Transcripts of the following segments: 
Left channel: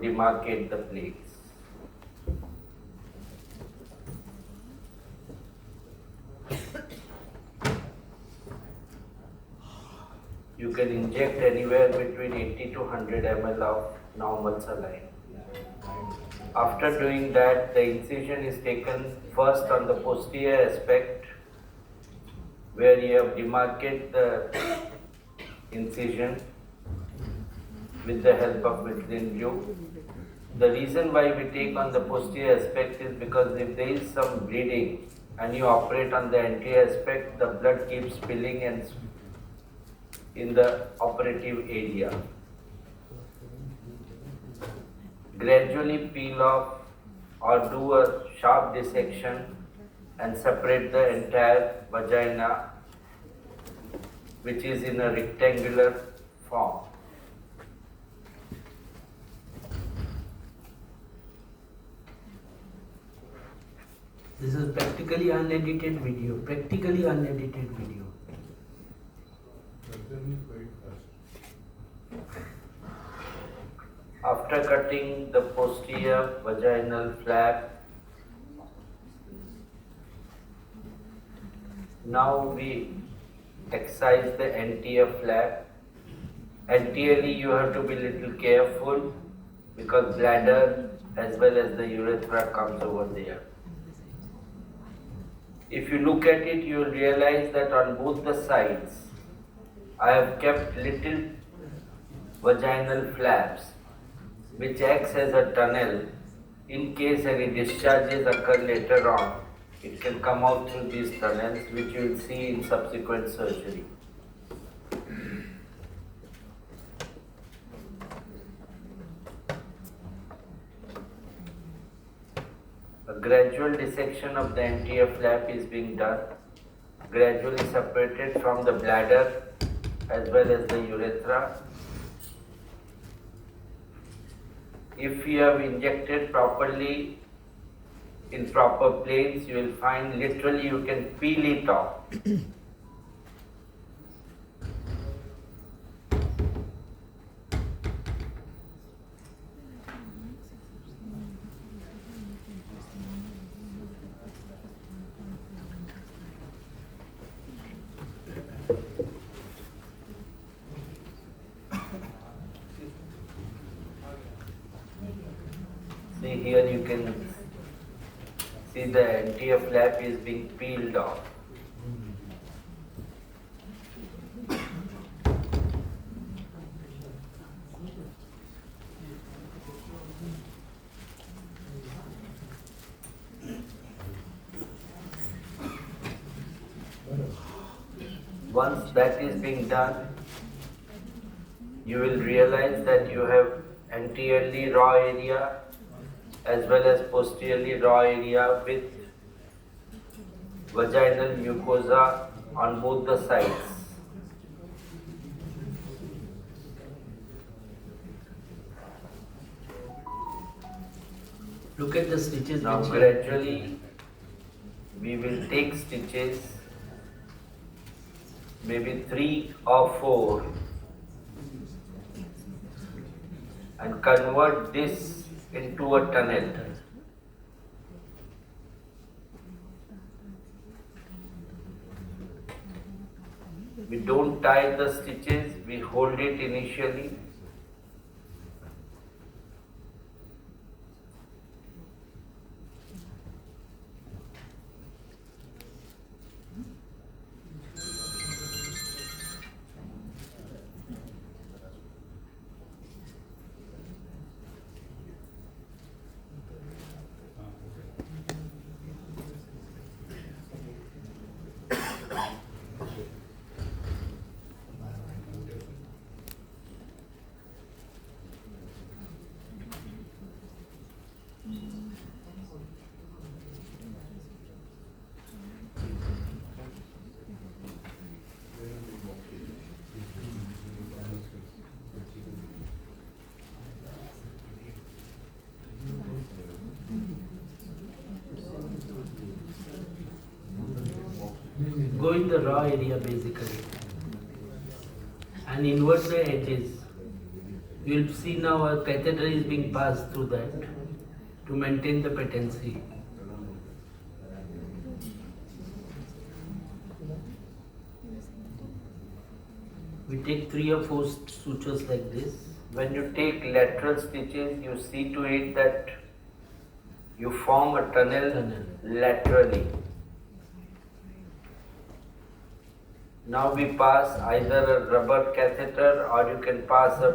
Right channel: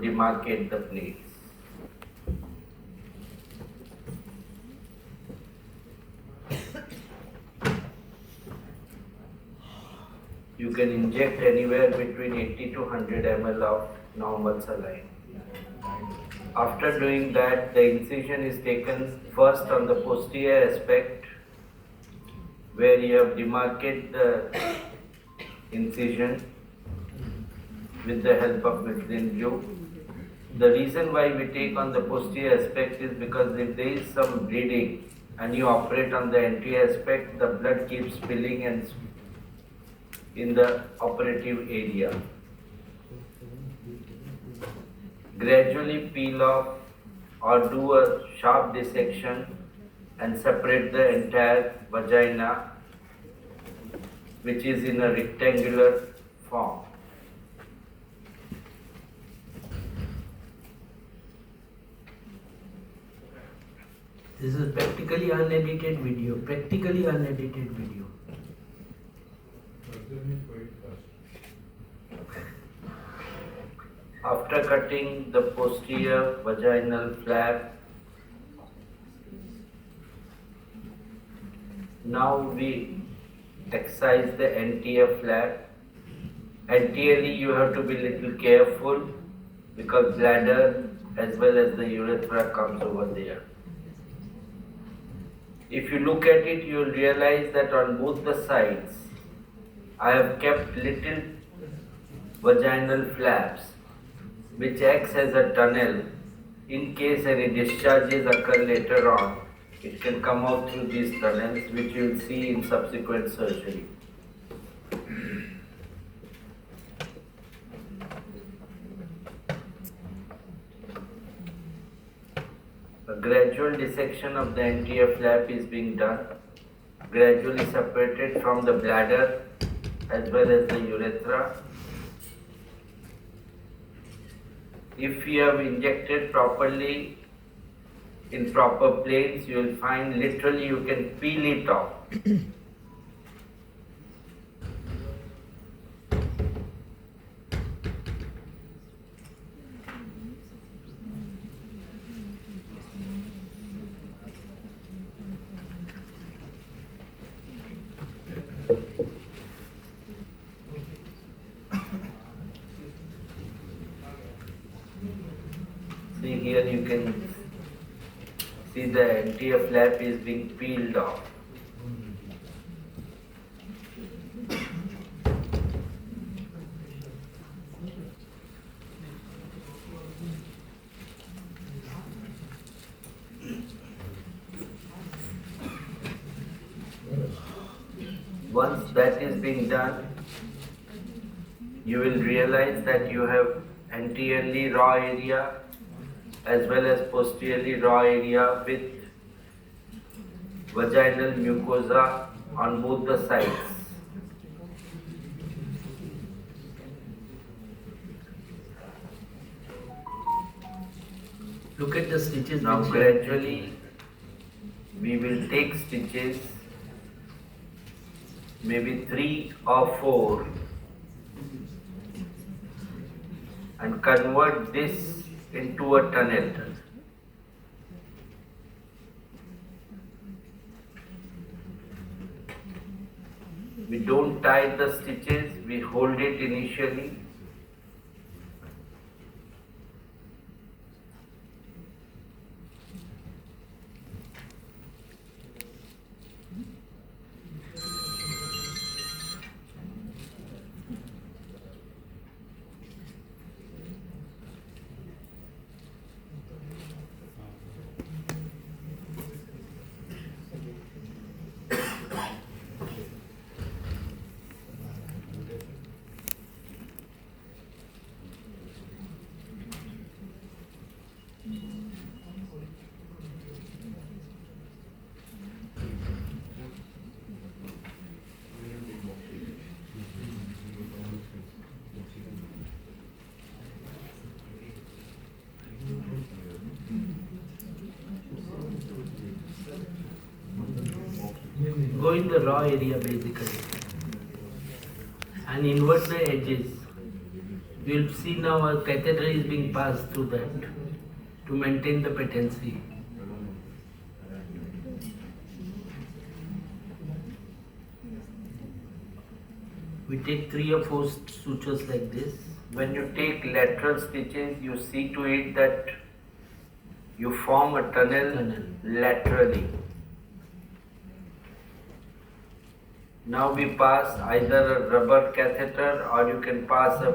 demarcate the place. You can inject anywhere between 80 to 100 ml of normal saline. After doing that, the incision is taken first on the posterior aspect where you have demarcated the incision with the help of methylene blue. The reason why we take on the posterior aspect is because if there is some bleeding and you operate on the anterior aspect, the blood keeps spilling and in the operative area. Gradually peel off or do a sharp dissection and separate the entire vagina, which is in a rectangular form. This is practically unedited video. After cutting the posterior vaginal flap, now we excise the anterior flap. Anteriorly you have to be little careful because bladder as well as the urethra comes over there. If you look at it, you will realize that on both the sides, I have kept little vaginal flaps which acts as a tunnel. In case any discharges occur later on, it can come out through these tunnels, which you will see in subsequent surgery. A gradual dissection of the anterior flap is being done, gradually separated from the bladder as well as the urethra. If you have injected properly in proper planes, you will find literally you can peel it off. See here you can see the anterior flap is being peeled off. Once that is being done, you will realize that you have anteriorly raw area as well as posteriorly raw area with vaginal mucosa on both the sides. Look at the stitches. Now gradually we will take stitches, maybe 3 or 4, and convert this into a tunnel. We don't tie the stitches, we hold it initially. Go in the raw area basically and invert the edges. You will see now a catheter is being passed through that to maintain the patency. We take 3 or 4 sutures like this. When you take lateral stitches, you see to it that you form a tunnel laterally. Now we pass either a rubber catheter or you can pass a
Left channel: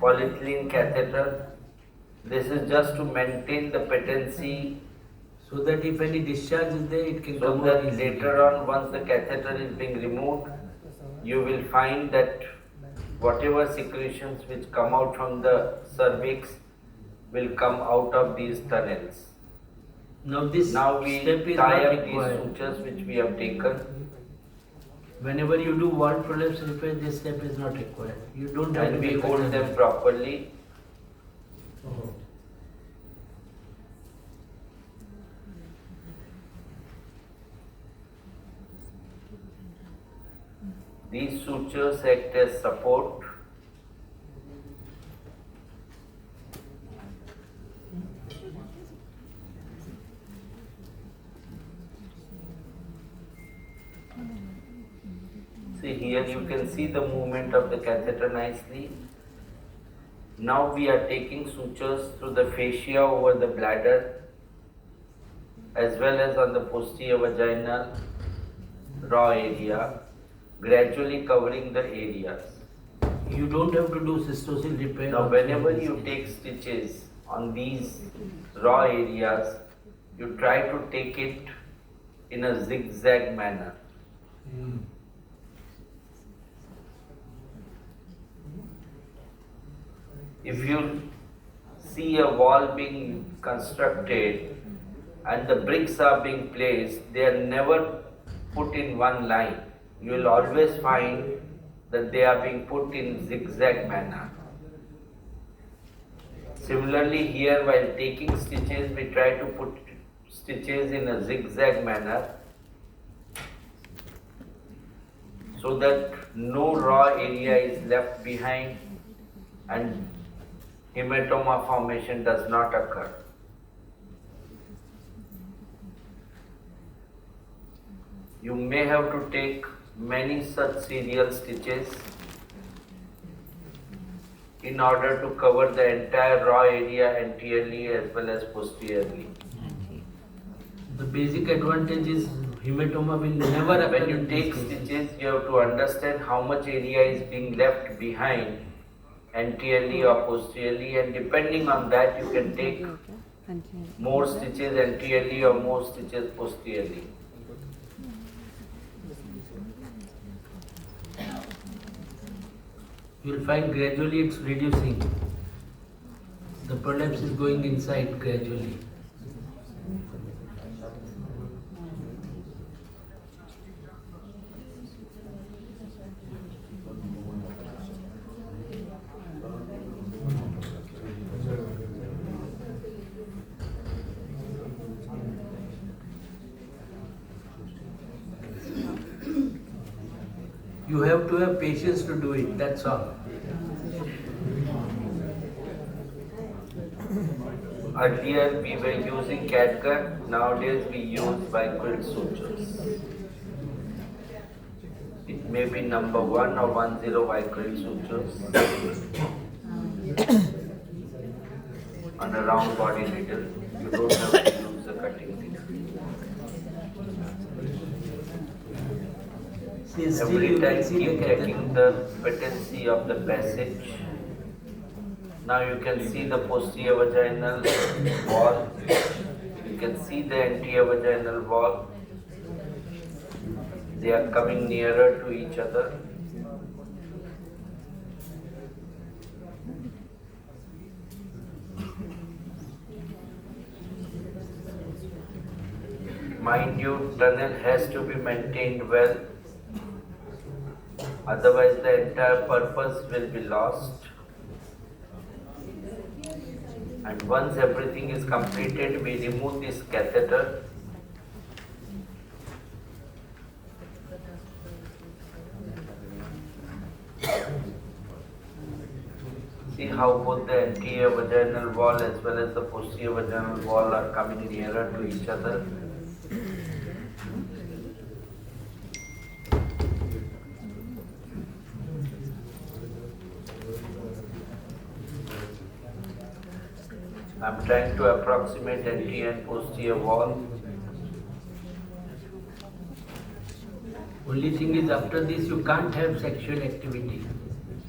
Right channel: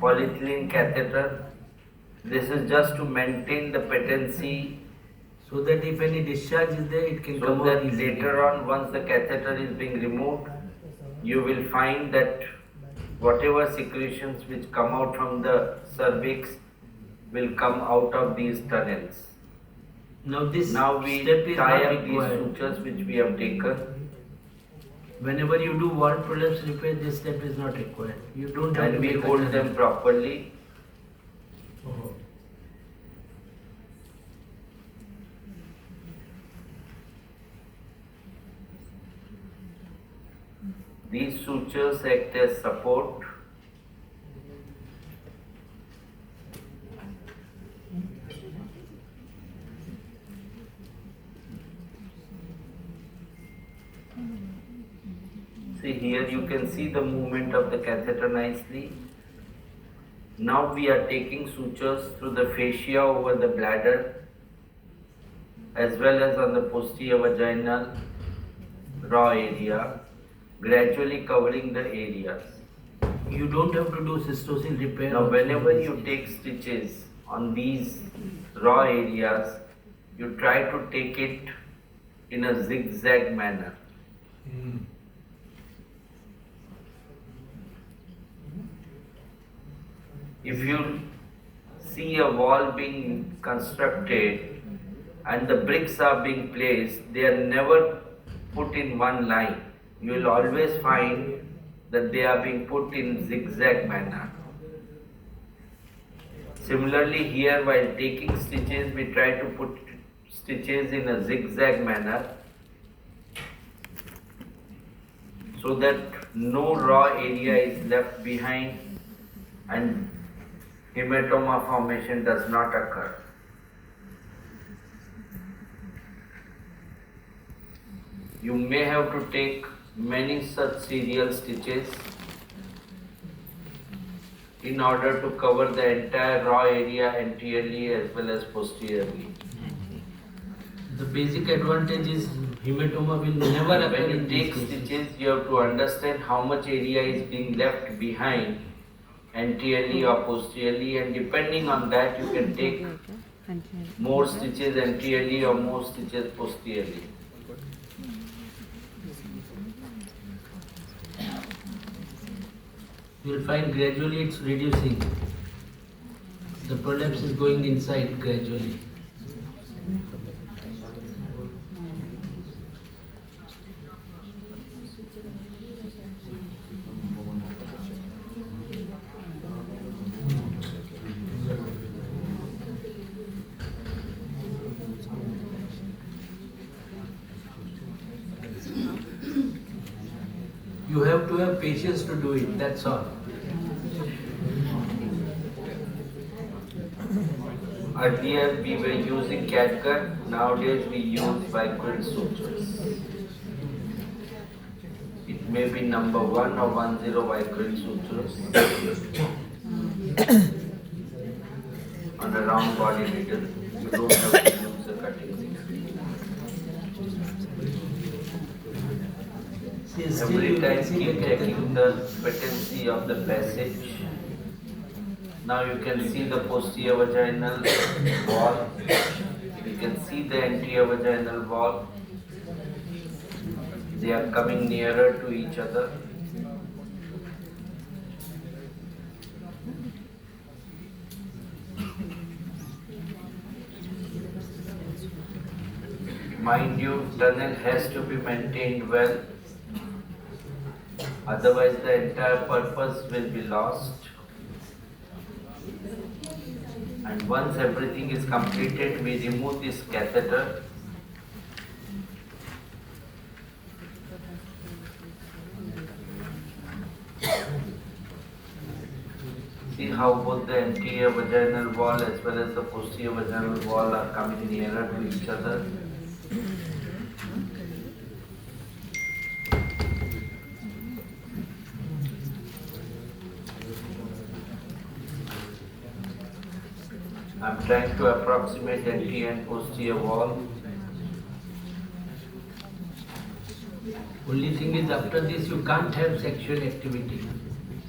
polyethylene catheter. This is just to maintain the patency, So that if any discharge is there, it can so come out that easily. later on, once the catheter is being removed, you will find that whatever secretions which come out from the cervix will come out of these tunnels. Now this Now we step is tie not up these required. sutures which we have taken. Whenever you do wall prolapse repair, this step is not required. You don't have And to we make a hold tunnel. them properly. These sutures act as support. See here you can see the movement of the catheter nicely. Now we are taking sutures through the fascia over the bladder as well as on the posterior vaginal raw area, gradually covering the areas. You don't have to do cystocele repair. Now also whenever in this you case. take stitches on these raw areas, you try to take it in a zigzag manner. If you see a wall being constructed and the bricks are being placed, they are never put in one line. You will always find that they are being put in zigzag manner. Similarly here, while taking stitches, we try to put stitches in a zigzag manner so that no raw area is left behind and hematoma formation does not occur. You may have to take many such serial stitches in order to cover the entire raw area anteriorly as well as posteriorly. The basic advantage is hematoma will never occur. When you in take these cases. stitches, you have to understand how much area is being left behind anteriorly or posteriorly, and depending on that you can take more stitches anteriorly or more stitches posteriorly. You will find gradually it's reducing. The prolapse is going inside gradually. You have to have patience to do it, that's all. Earlier we were using catgut, nowadays we use vicryl sutures. It may be number 1 or 10 vicryl sutures on a round body needle. You don't have to use the cutting needle. See, still Every you can time see the keep catheter. checking the patency of the passage. Now you can see the posterior vaginal wall. You can see the anterior vaginal wall. They are coming nearer to each other. Mind you, tunnel has to be maintained well. Otherwise the entire purpose will be lost. And once everything is completed, we remove this catheter. anterior vaginal wall as well as the posterior vaginal wall are coming nearer to each other. I'm trying to approximate anterior and posterior wall. Only thing is, after this you can't have sexual activity.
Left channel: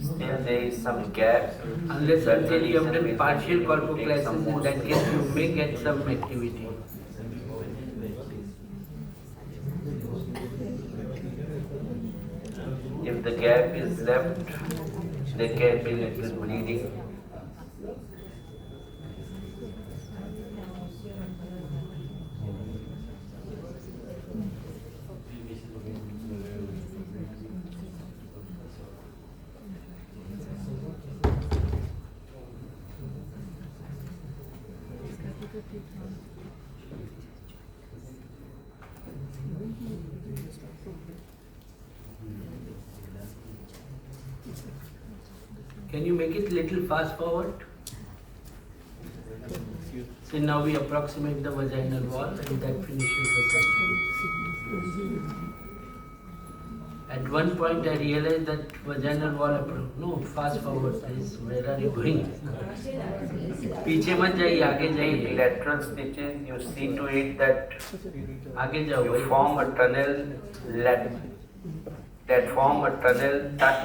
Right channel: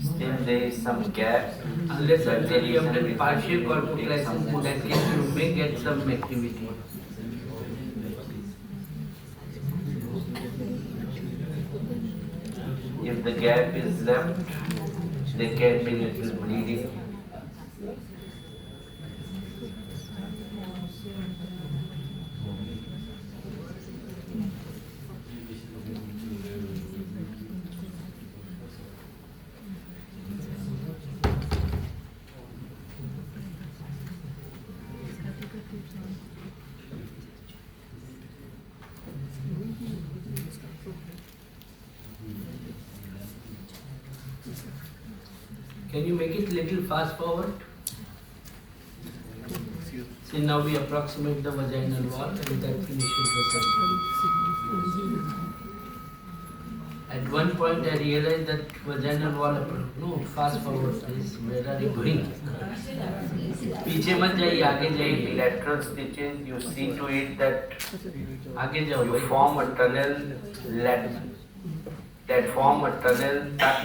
Still there is some gap. Unless That's the until you have reason done we partial take some corpoclasis, in more that case you may get some activity. If the gap is left, there can be little bleeding. Can you make it little fast forward? See, now we approximate the vaginal wall and that finishes the surgery. At one point I realized that vaginal wall, no, fast forward please, where are you going? पीछे मत जाइए, आगे जाइए. Lateral stitches, you see to it that आगे जाओ you भाई. form a tunnel that form a tunnel cut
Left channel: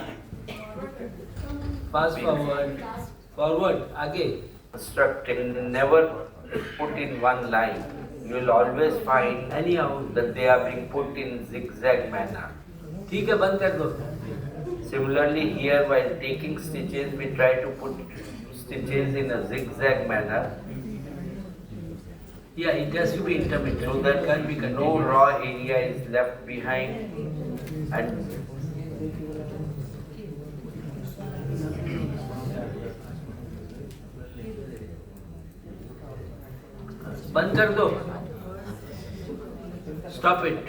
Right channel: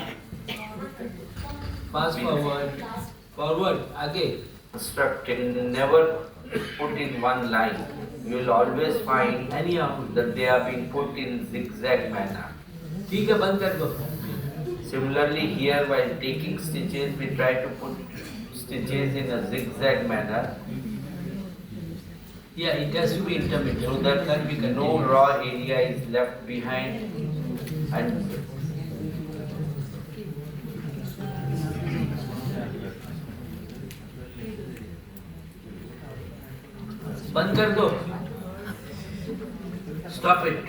Fast forward, forward, आगे. constructed, never put in one line. You will always find Anyhow, that they are being put in zigzag manner. ठीक है, बंद कर दो. Similarly, here while taking stitches, we try to put stitches in a zigzag manner Yeah, it has to be intermittent. so that can't be no continuous. raw area is left behind and बंद कर दो. Stop it.